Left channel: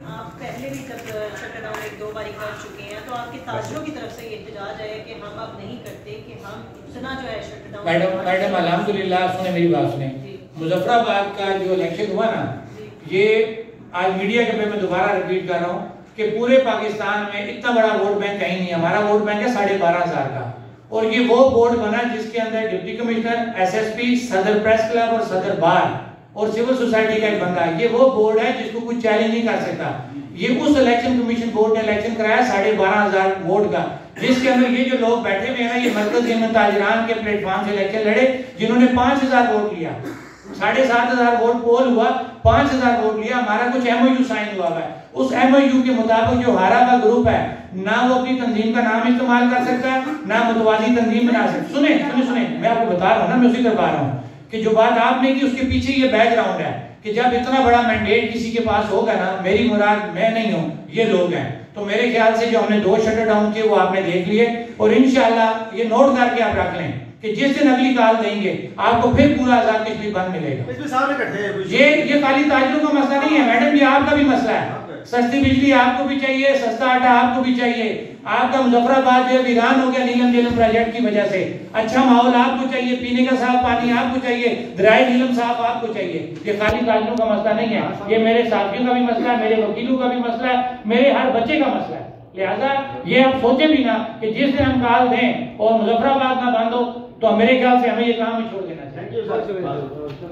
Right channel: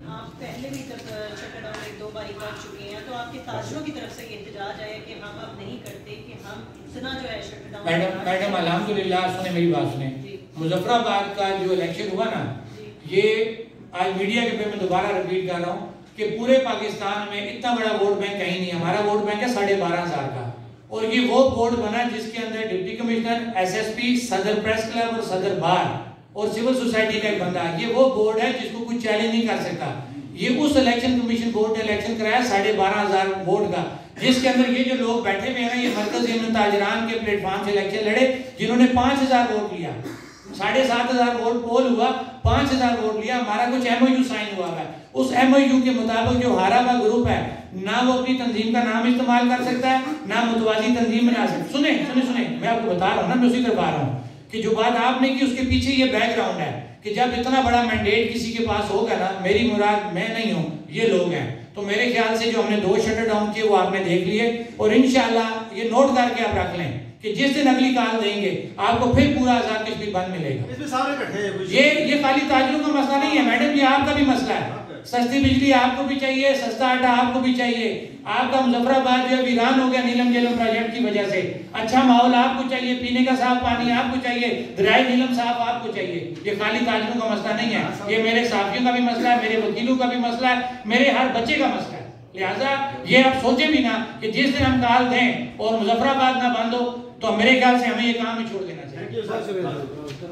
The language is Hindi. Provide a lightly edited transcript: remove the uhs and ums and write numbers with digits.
आप पहले भी तब शट डाउन एक दो बारी कर चुके हैं, तो आपके ताजरों की तरफ से ये एहतजाज है कि हम अब नहीं करते, कि हम इतना जो है शट डाउन। मैडम अल्हम्दुलिल्लाह, सुने मेरी बात सुने, मुजफ्फराबाद का जो इलेक्शन हुआ ना, ये आज मीडिया के पे मैं दोबारा रिपीट कर रहा हूँ कि पूरे पाकिस्तान में इतना बड़ा वोट बैंक कहीं नहीं है। हमारा वोट बैंक है 12,500 का, और ये वो बोर्ड बना जिसके अंदर डिप्टी कमिश्नर, एसएसपी, सदर प्रेस क्लब और सदर बार और सिविल सोसाइटी का एक बंदा है। ये वो बोर्ड है जिसको कोई चैलेंज नहीं कर सकता। ये उस इलेक्शन कमीशन बोर्ड ने इलेक्शन कराया 12,500 वोट का, जिसके अंदर ये जो लोग बैठे हुए हैं ना, ये मरकजी ताजरान के प्लेटफॉर्म से इलेक्शन लड़े, जिन्होंने 5,000 वोट लिया। 7,500 वोट पोल हुआ, 5,000 वोट लिया। हमारा कुछ एमओयू साइन हुआ है, उस एमओयू के मुताबिक जो हारा का ग्रुप है ना वो अपनी तंजीम का नाम इस्तेमाल कर सकता है, ना मुतवाजी तंजीम बना सकता। सुने सुने सुने, मैं आपको बता रहा हूँ ना, मैं उसी करवा रहा हूँ कि जो बात आपने की उसके पीछे ये बैकग्राउंड है कि जब इतना बड़ा मैंडेट किसी के पास होगा ना, मेरी मुराद मैं नहीं हूँ, ये लोग हैं। तो मेरे ख्याल से जो हमने 2 शटर डाउन किए वो आपने देख लिए, और इंशाल्लाह ये नोट करके आप रख लें कि जिस दिन अगली कॉल देंगे आपको फिर पूरा आजाद कश्मीर बंद मिलेगा। ये खाली ताजरों का मसला नहीं है मैडम, ये आपका भी मसला है। सस्ती बिजली आपको भी चाहिए, सस्ता आटा आपको भी चाहिए। आपका मुजफ्फराबाद जो वीरान हो गया नीलम झीलम प्रोजेक्ट की वजह से, अच्छा माहौल आपको चाहिए, पीने का साफ पानी आपको चाहिए, दरियाई नीलम साफ आपको चाहिए। ये खाली ताजरों का मसला नहीं है, ये मेरे साथियों का भी मसला है, मेरे वकीलों का भी मसला है, मेरे हर बच्चे का मसला है। लिहाजा ये आप सोचे भी ना कि जिस दिन हम कॉल दें और मुजफ्फराबाद ना बंद हो, तो मेरे ख्याल से हमें ये काम ही छोड़ देना चाहिए।